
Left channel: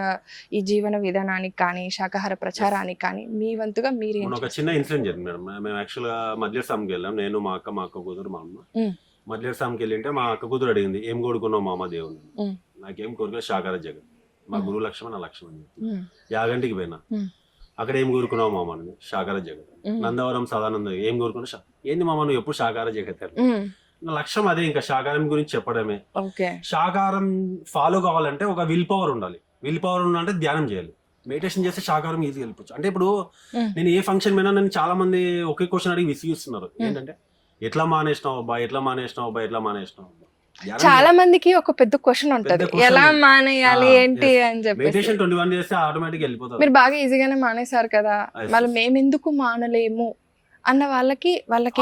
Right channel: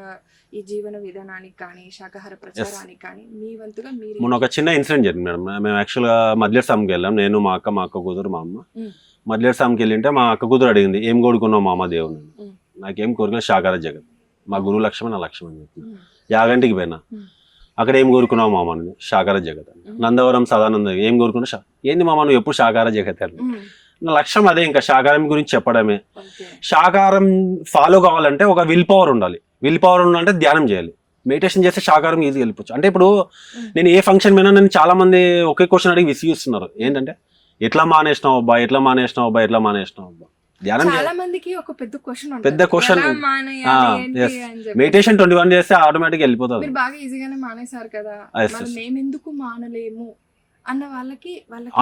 ఈ జీవన విధానానికి కానీ శాకాహార ప్రచారానికి కానీ మీ వంతుగా మీరు ఏం మొన్న ఒక చిన్న ఇన్సిడెంట్ జరిగింది మేడం. మేము యాక్చువల్గా మద్లేర్ సామ్కి వెళ్ళాం. నేను, మా అక్క కూతురు, మా అమ్మ. మ్. మద్లేర్ సామ్కి వెళ్ళింటే మా అక్క కూతురు అడిగింది, ఏం కోరుకున్నావు మా అమ్మ దేవుని? మ్. నాకేం కోరుకున్నా శాకాహార జగత్, మా గురువు లక్ష్యం నా లక్ష్యం అని చెప్పి మ్. యాగంటికి పోయినా. అక్కడ ఏం కోరుకున్నావు మామ అని, శాకాహార జగత్. నందవరం సదానంద ఏం కోరుకున్నా, ఏంది మామ నువ్వు ఎప్పుడు శాకాహార జగత్ అని. నా లక్ష్యం అదే, ఇంకా శాకాహారం గురించి చెప్పడమే. ఓకే, శాకాహారం ఫాలో కావాలంటే ఒక విల్ పవర్ ఉండాలి. విల్ పవర్ ఉండాలంటే ధ్యానం చేయాలి. మెడిటేషన్ చేస్తే శాకాహారం ఈజీగా వెళ్ళిపోవచ్చు. అంటే ఇప్పుడు నేను ఏ ఫంక్షన్ పోయినా నేను చాలా మంది ఒకే క్వశ్చన్ అడిగి విసిగిస్తున్నారు. ఏంటంటే ఎట్లా మానేసినావు అబ్బా, ఎట్లా మానేసినావు అబ్బా, ఎట్లా మానేసినావు అబ్బా. చాలా మందికి ఒక పెద్ద క్వశ్చన్ ఉంటుంది, పెద్ద question ఎలా ఉంది. మానేయాలి ఆ, ఏంటి yes. అని చెప్పి. మెడిటేషన్ 21 చేస్తే ఆటోమేటిక్ వెళ్ళిపోతుంది. మీరు బాగా ఈజీగానే మానేశారు కదా, Yes, మరి yes. మేమెందుకు మానలేము అన్న వాళ్ళకి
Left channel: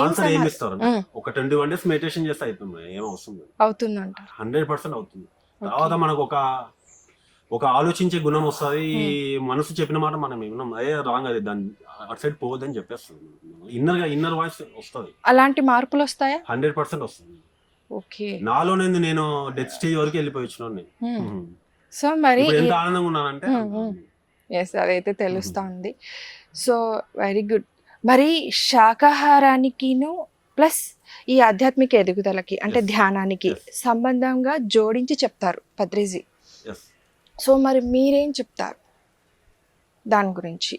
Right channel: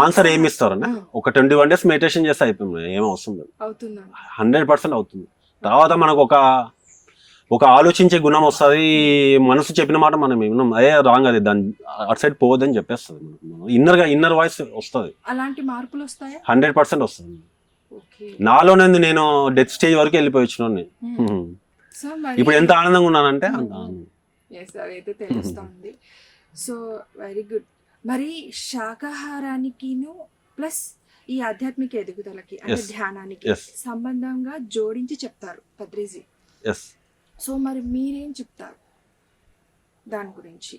ఆన్సర్ ఏమి ఇస్తారు? మ్. ఒక 21 days మెడిటేషన్ చేస్తే అయిపోయింది, ఏం అవసరం లేదు. అవుతుందంట. 100% అవుతుంది. తర్వాత మనకు ఒక ఆలోచించే గుణం వస్తుంది. మనసు చెప్పిన మాట మనం విన్నాం, అదే రాంగ్, అది దాని అటు సైడ్ పోవద్దని చెప్పేస్తుంది. ఇన్నర్ వాయిస్ వస్తుంది. అలాంటి మార్పులు వస్తాయా? 100% వస్తుంది. ఓకే, నాలోనే నేను డెత్ స్టేజ్ వరకు వెళ్ళిపోయి వచ్చిన. సో మరి ఇప్పుడు ఎంత ఆనందంగా ఉన్నానంటే ఎస్, అదైతే తెలుస్తుంది. So very good. మరి శాకాహారానికిను ప్లస్ ఈ ఆధ్యాత్మిక ఎదుగుదలకి అంటే Yes. ధ్యానానికి Yes. సంబంధంగా జోడించి చెప్తారు పత్రిజీ. ఎస్ సో మరి మీరేం చెప్తారు దాని గురించి?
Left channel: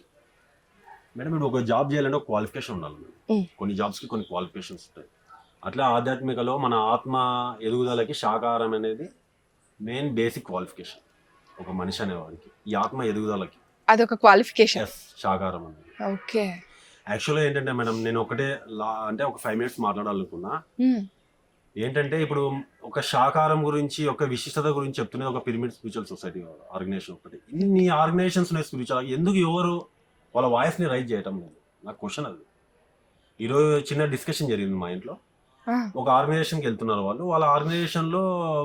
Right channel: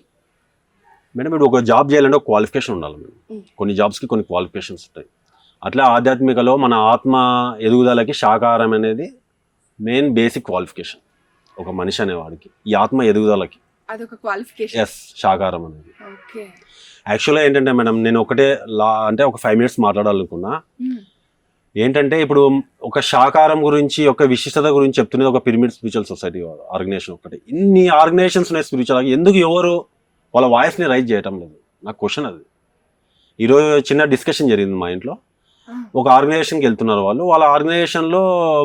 మేడం, ఇప్పుడు ఒక జాబ్ చేయాలంటే ఒక క్వాలిఫికేషన్ ఉండాలి మేడం. Mm. కొన్ని జాబ్స్కి కొన్ని క్వాలిఫికేషన్స్ ఉంటాయి. అట్లా ఆధ్యాత్మికలో మన ఆత్మ ఎదుగుదలకి శాకాహారం అనేది మెయిన్ బేసిక్ క్వాలిఫికేషన్ ఒక మనిషి అనేవాడికి. ఈ ఆత్మ ఎదుగుదలకి అదొక క్వాలిఫికేషన్. ఎస్, శాకాహారం అనేది. ఓకే, యాక్చువల్గా ఏంటంటే మేడం, నేను ఒకటే అంటే ఒక 5 minutes మాట్లాడాలనుకున్నా. ఏంటంటే ఇప్పుడు ఒక శాకాహారం గురించి, ఒక విశిష్టత గురించి చెప్తున్నది ఒక పిరమిడ్ స్పిరిచువల్ సొసైటీ ఆర్గనైజేషన్ ఒకటి. ఇన్ని ఆర్గనైజేషన్స్ ఉన్నాయి స్పిరిచువల్, ఎందుకు ఎవరు వాళ్ళ వాయిస్ని రైజ్ చేయటం లేదు? నాకు క్వశ్చన్ అది. ఈరోజు చిన్న డిస్కషన్ జరిగింది మా ఇంట్లో. ఒక ఆర్గనైజేషన్కి వెళ్తున్నారు వాళ్ళు. వాళ్ళ ఆర్గనైజేషన్లో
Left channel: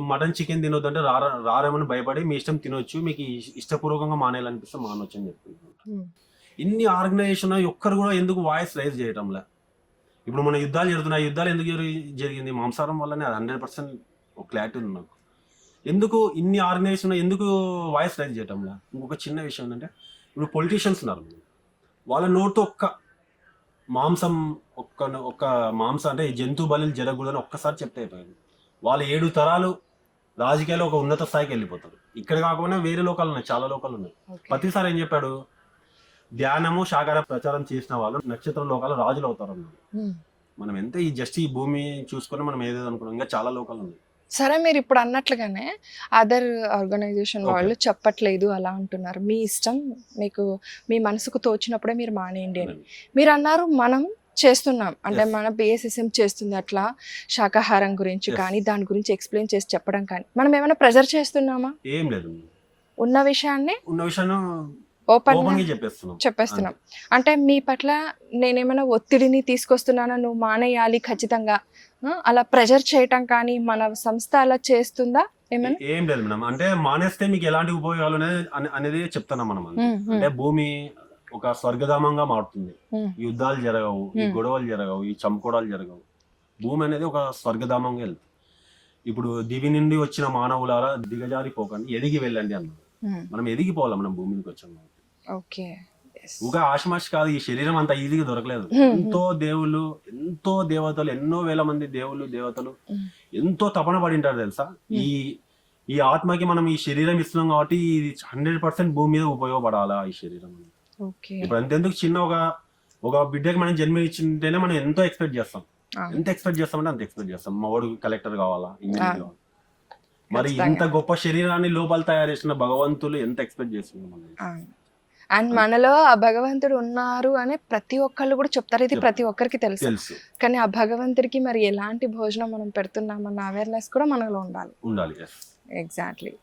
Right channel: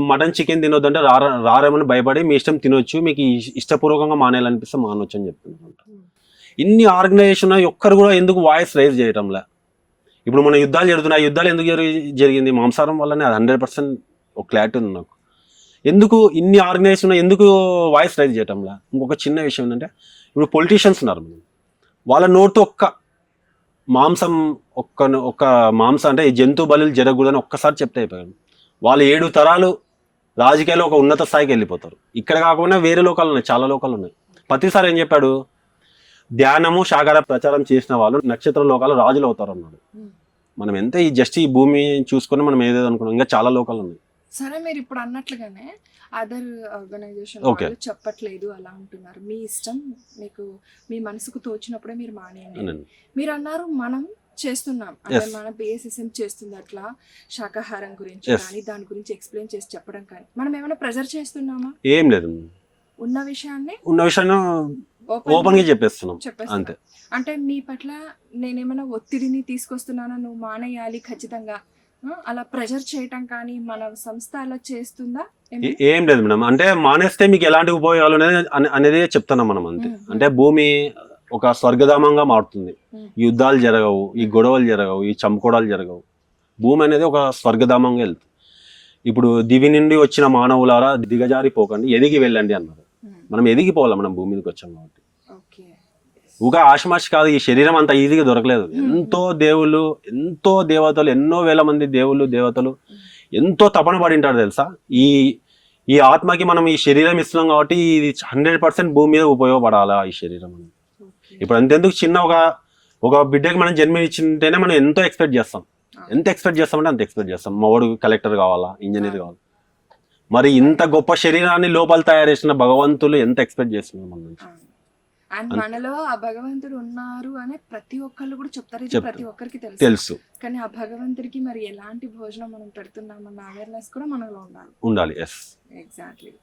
మటన్ చికెన్ తినొద్దంటే రారేమని భయపడి మీ ఇష్టం తినొచ్చు, మీకు ఇష్టపూర్వకంగా మానేయాలనిపిస్తే మానొచ్చు అని చెప్తున్నారు. ఇన్ని ఆర్గనైజేషన్ ఒక్కరు కూడా ఎందుకు వాయిస్ రైజ్ చేయటంలే? ఇప్పుడు మన యుద్ధాలు జరుగుతున్నాయి, యుద్ధాలు ఎందుకు జరిగింది? మాంసాహారం వల్లనే. అది 100% ఒక క్లారిటీ ఉంది నాకు. ఎందుకు ఇన్ని ఆర్గనైజేషన్ ఎందుకు వాయిస్ రైజ్ చేయటంలే? ఇంకొక చిన్న విషయం ఏంటంటే, ఇప్పుడు పొలిటీషియన్స్ ఉన్నారు, వాళ్ళ నోటితో ఒక్క మాంసం అంటే ఈ జంతు బలులు జరగకూడదని ఒక్కసారి చెప్తే అయిపోయాడు. వాళ్ళు 7 తరాలు రాజకీయాల్లో ఒక ఉన్నత స్థాయికి వెళ్ళిపోతారు. ఇక్కడ కాకుండా వేరే లోకాలు ఉన్నాయి, చాలా లోకాలు ఉన్నాయి. ప్రతిసారి ఏం చెప్పాడు? ధ్యానము శాకాహార ప్రచారం చేసిన వాళ్ళు నక్షత్ర లోకాలు రాజులు అవుతారు అన్నాడు. మనం ఎంత ఈ భూమి చూసుకుని మనం ఏదేదో అనుకున్నాం, ఇంకా చాలా లోకాలు ఉన్నాయి. సరే, మీరు ఇప్పుడు అన్నట్లుగానే అదర్ ఆర్గనైజేషన్ వాళ్ళు చెప్పట్లేదు అలా అంటున్నారు. మీ ఇష్టం, మీకు మీ మనసుకు తోచినప్పుడే మీరు మానేయండి అని మీరు అన్నారు. మనం చేస్తున్నాం అంటే మన BSSM చేస్తుంది అట్లా శాకాహారం గురించి కానీ దాని గురించి ఎక్స్ప్లెయిన్ చేసి చెప్పడం కానీ మనం ఏమైనా ప్రెజర్ చేస్తున్నామా? ఏం లేదు, ఉన్న విషయాన్ని ఓపెన్ గా చెప్పేస్తున్నాం. అంటే మీ పట్ల నేనేమైనా ఒత్తిడిని తీసుకొస్తున్నానా, నువ్వు మానేయాలి ఖచ్చితంగా అలా ప్రెజర్ చేయటం కానీ మన సంస్థ అలా చేస్తుందా? ఏం లేదు మేడం. అంటే మానేస్తే మీకు ఎలాంటి ఉపయోగాలు అనేది చెప్తున్నాం మనం అంతే. అంటే భూమి ఒక స్వర్గధామంగా మారుతుంది. యుద్ధాలు జరగవు, ఈ గొడవలు జరగవు, ఈ చంపుకోవడాలు జరగవు. భూమి అనేది ఒక స్వర్గధామంగా వెళ్తుంది. ఇప్పుడు దివి నుండి వచ్చిన మానవులారా దిగజారిపోకండి, ఎదిగి వెళ్ళండి అన్నారు. మనం ఎదిగిపోవాలి, మనం భూమి మీదకి వచ్చాం కాబట్టి. ఊగా ఆశమాష కాదు, ఈ శరీరం అంత ఈజీగా దొరకలేదు. ఎంతో దేవుళ్ళు, ఎంతో దేవతలు, ఎన్నో వేల మంది దేవుళ్ళు దేవతలు ఎంతో తపన పడింటారు తెలుసా. ఈ ఆత్మకి మనం ఈ శరీరం ఇస్తున్నాం కాబట్టి ఇది 100% భూమి మీద ఉపయోగపడాలా ఈ శరీరం. ఇప్పుడు అంతెందుకు, చిన్న ఒక బిడ్డకి మనం జన్మ ఇచ్చింటేనే మనం ఎంతో ఎక్స్పెక్ట్ చేస్తాం. ఎంత ఎక్స్పెక్ట్ చేస్తామంటే అంత ఎక్స్పెక్ట్ చేస్తాం. మా వాడు కలెక్టర్ కావాలా, ఇంజనీర్ కావాలా. మరి ఇంత గొప్ప శరీరాన్ని లోపల తయారు చేసిన భగవంతులు ఎంత ఎక్స్పెక్ట్ చేస్తున్నాం. అండ్ మనలో ఆ భగవంతుడు ఉన్నారు అని ప్రతి ఒక్కళ్ళు కూడా చెప్తారు. ఇది ప్రతి ఒక్కరికి తెలుసు. కానీ ఆ భగవంతుడికి మరి ఎలాంటి భోజనం మనం పెడుతున్నామన్న అవేర్నెస్ కూడా మనలో ఉండాలి. Exactly.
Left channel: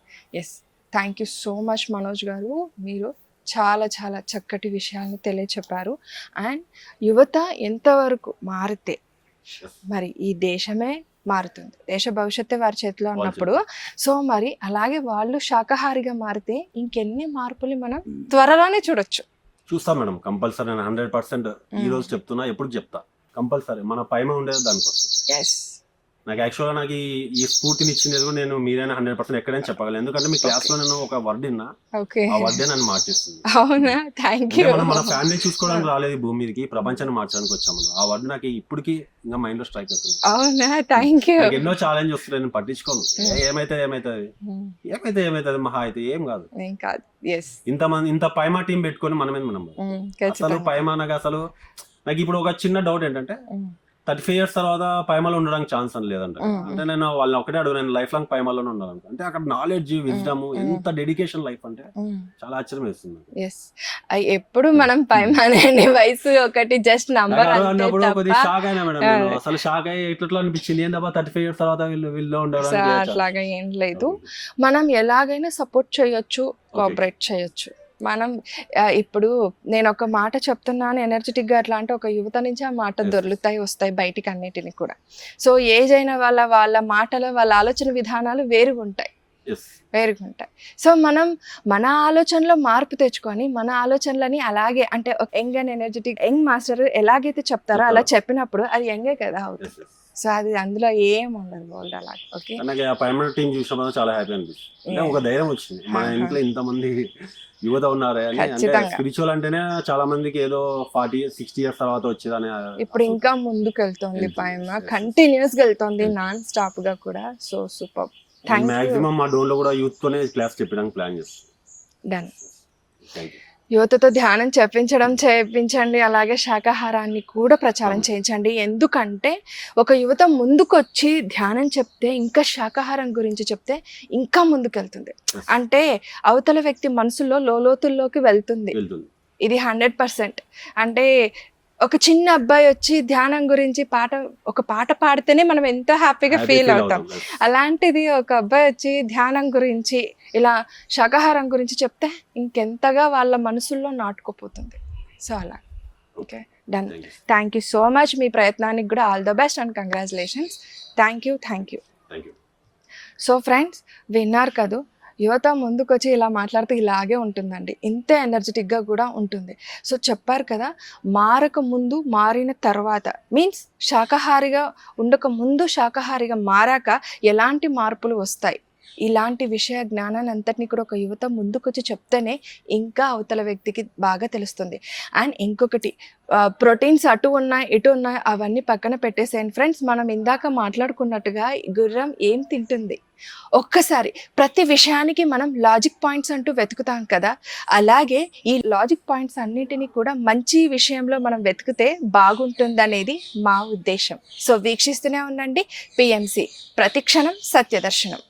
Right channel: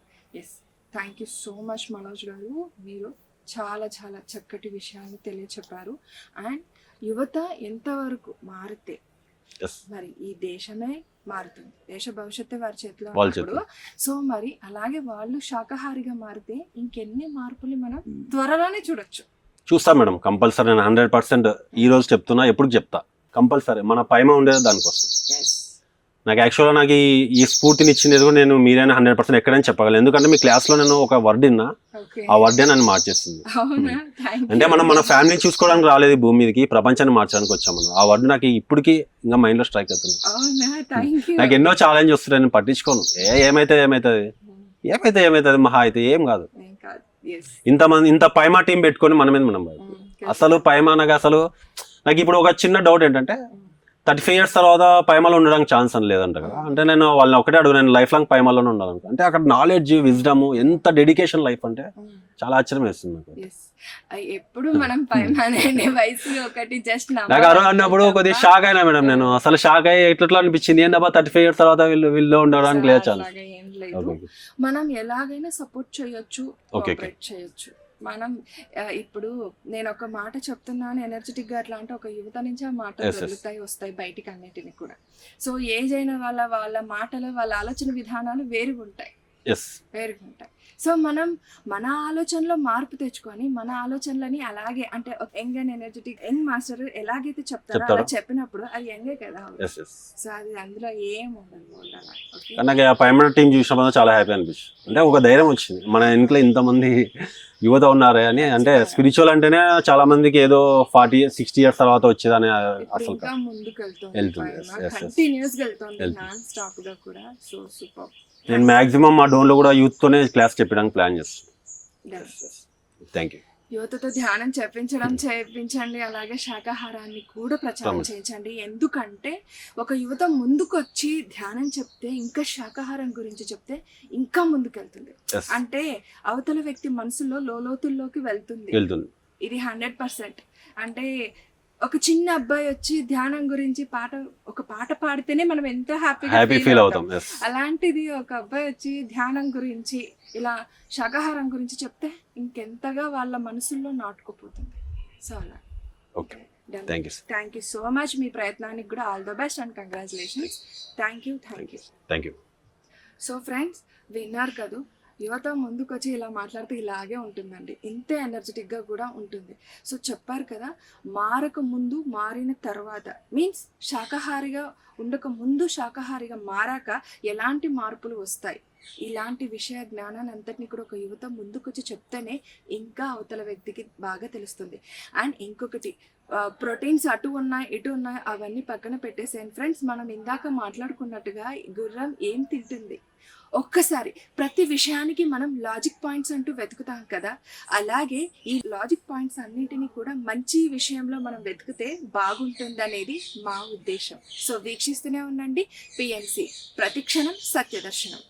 Yes, thank you so much Manoj garu. మీరు చాలా చాలా చక్కటి విషయాలను తెలియచెప్పారు. అండ్ యువత ఎంతవరకు మారితే మరి ఈ దేశమే మారుతుంది. దేశ భవిష్యత్తు వారి చేతిలో వాళ్ళ ఉన్నప్పుడు సో మరి అలాగే వాళ్ళు శాకాహారిగా మారితే ఇంకెన్ని మార్పులు మనం త్వరలోనే చూడొచ్చు. చూస్తాం మేడం, కంపల్సరీ. నేను 100% ఈ రోజు చెప్తున్నా, ఎప్పుడు చెప్తా, కంపల్సరీ మన పైమ ఉండేది దానికోసం. నాకు యాక్చువల్గా నాకు ఈ స్ఫూర్తిని ఇచ్చింది కూడా నేను మీరైనా 100% ఎక్కడైనా చెప్పగలను. ఎందుకంటే మీ క్లాస్ లో నేను ఒక వర్డ్ విన్నా, ఆ వర్డే నన్ను మార్చేస్తుంది. అవునా, థ్యాంక్ అంటే యూ. మనం మన ఫ్యామిలీని చూసుకోవడానికి రాలేదు ఈ భూమి మీదకి, ప్రపంచాన్ని మార్చడానికి వచ్చాము. ఆ వర్డ్ నాకు ఇప్పటికీ ఇంకా మైండ్ లో స్ట్రైక్ అవుతుంది. అవునా, థ్యాంక్ యూ. నాకు ఎన్నో ఛాలెంజ్ వస్తున్నాయి, నేను పట్టించుకోను. ఏమైతే ఏమైతే మహా అయితే ఏం కాదు. ఏం కాదు. ఇంత పైమా టీం పెట్టుకొని మనం అసలు పైమా నాకు అసలు నాకు ఇప్పుడు ఒక చిన్న డౌట్ ఏంటంటే 35 years తర్వాత పైమాలో ఉండడానికి ఛాన్స్ అని లేదంట. అంటే నేను వాళ్ళని ఒకటే అడుగు, నేను లైఫ్ లాంగ్ పైమాలోనే ఉండాలి. అంటే అక్కడ నాలెడ్జ్, విజ్డమ్, ఎంత డెడికేషన్ లైఫ్ అంటే చాలా ఆశ్చర్యం వేస్తుంది నాకు. ఎప్పుడు మనం పైమానే వయసు ఒకటి జస్ట్ నాకు అన్నప్పుడు కొద్దిగా షాక్ అయినా మేడం. నేను అసలు షాక్ అయ్యి ఎట్లా అనిపించింది, ఏంటబ్బా 35 years తర్వాత వీళ్ళు ఉండడానికి లేదు. అట్లాగా ఏం లేదు, మనం ఎలాగైనా సపోర్ట్ చేయొచ్చు, కోఆపరేట్ చేయొచ్చు. మనం ఇప్పుడు నేను ఒక మాట చెప్తున్నాను ఎనర్జెటిక్ గా, అట్లా అంటే ఒక యువత నుంచి ఆ మాట దొరుకుతాయి, వస్తాయి బయటికి అన్నిటిని కూడా. సో ఏజ్ అయిన వాళ్ళ మాటలు, వాళ్ళ ఆలోచన విధానాలు వేరుగా ఉంటాయి. సో మనం మన ఆలోచనలో మార్పు తెచ్చుకొని మన ఆలోచనలని అలాగే, అంటే ఒక young and energetic young master ఎలాగైతే చెప్తారో అలా చెప్పినప్పుడు అది యంగే కదా. సో అది అందులో ఏం ఉండదు బోల్డ్ అలా. ఓకే, నాకు ఆ పైమర్ టీం చూసినప్పుడు చాలా హ్యాపీ అనిపించింది. అంటే ఒక ధైర్యం వచ్చింది, మన ఇంట్లో ఇంతమంది యువత ఉన్నారే అని. అంటే స్పిరిచువల్ అంటేనే చాలా మందికి ఏదో 40-60 years తర్వాత వచ్చేదని. ఇప్పుడు ఇంకా ముందుకు వెళ్తుంది పైన, కంటిన్యూస్ గా వెళ్తుంది, నాన్ స్టాప్ గా కూడా. So super. మాక్సిమం మా డోన్ లో కూడా యూత్ తోనే క్లాస్ చెప్పడానికి ప్లాన్ చేస్తాం. Thank you. యువతతో ధ్యానం చేయించండి, అలాగే శాకాహారాన్ని కూడా ప్రచారం చేయించండి. ఎందుకంటే ఒక యువత ముందుకొచ్చి ధ్యానం చెప్తే, ఇంకా శాకాహారం గురించి చెప్తే ఇంకా ముందుకెళ్తుంది. అంటే అవతల వ్యక్తి మనసులో లోతుల్లోకి వెళ్తుంది. ఇది 100%. అంటే ఒక చిన్న అబ్బాయి వచ్చి ధ్యానం గురించి ఒక పాట పాడితేనే మనం ఎంతో హ్యాపీగా ఫీల్ అవుతాం. అలాంటిది ఒక అబ్బాయి వచ్చి ధ్యానం గురించి, ఇలా శాకాహారం గురించి చెప్తే ఇంకెంతగా వాళ్ళ మనసుల్లో నాటుకుపోతుంది. సో అలా. Okay, done. Thank you so much. మీ ప్రయత్నానికి కూడా all the best and congratulations. Thank you. So friends, విన్నారు కదా, యువత ముందుకొచ్చి ఇలా మాట్లాడితే ఇలాగే ఉంటుందండి, ఇంతే ఎనర్జెటిక్గా కూడా ఉంటుంది. సో చెప్పారు కదా, మారక ముందు, మారిన తర్వాత, మీన్స్ శాకాహారిగా ఉండక ముందు, శాకాహారిగా మారాక ఎలాంటి మార్పులు వస్తాయి, ఇలాంటి విషయ జ్ఞానాన్ని అంతటినీ కూడా ఒక యువత ముందుకొచ్చి చెప్తేనే ఇంకా అవతల వ్యక్తికి బాగా తెలుస్తుంది. అండ్ ఇంకొకటి, ప్రోటీన్స్ అటు ఉన్నాయి ఇటు ఉన్నాయి అవన్నీ పక్కన పెట్టేసేయండి ఫ్రెండ్స్. మనం ఇందాక మాట్లాడుకున్నట్టుగా గుర్రం ఏం తింటుంది, ఒక్కసారి ప్రతి విషయానికి మనం లాజిక్ పాయింట్స్ అంటూ వెతుకుతాం కదా, అలాగే ఈ లాజిక్ పాయింట్స్ అన్నిటినీ కూడా మంచి విషయంలో మనం వెతికితే బాగుంటుందనేది మా ఉద్దేశం. సో వీక్షిస్తూనే ఉండండి PMC, ప్రతిక్షణం సత్యదర్శనం.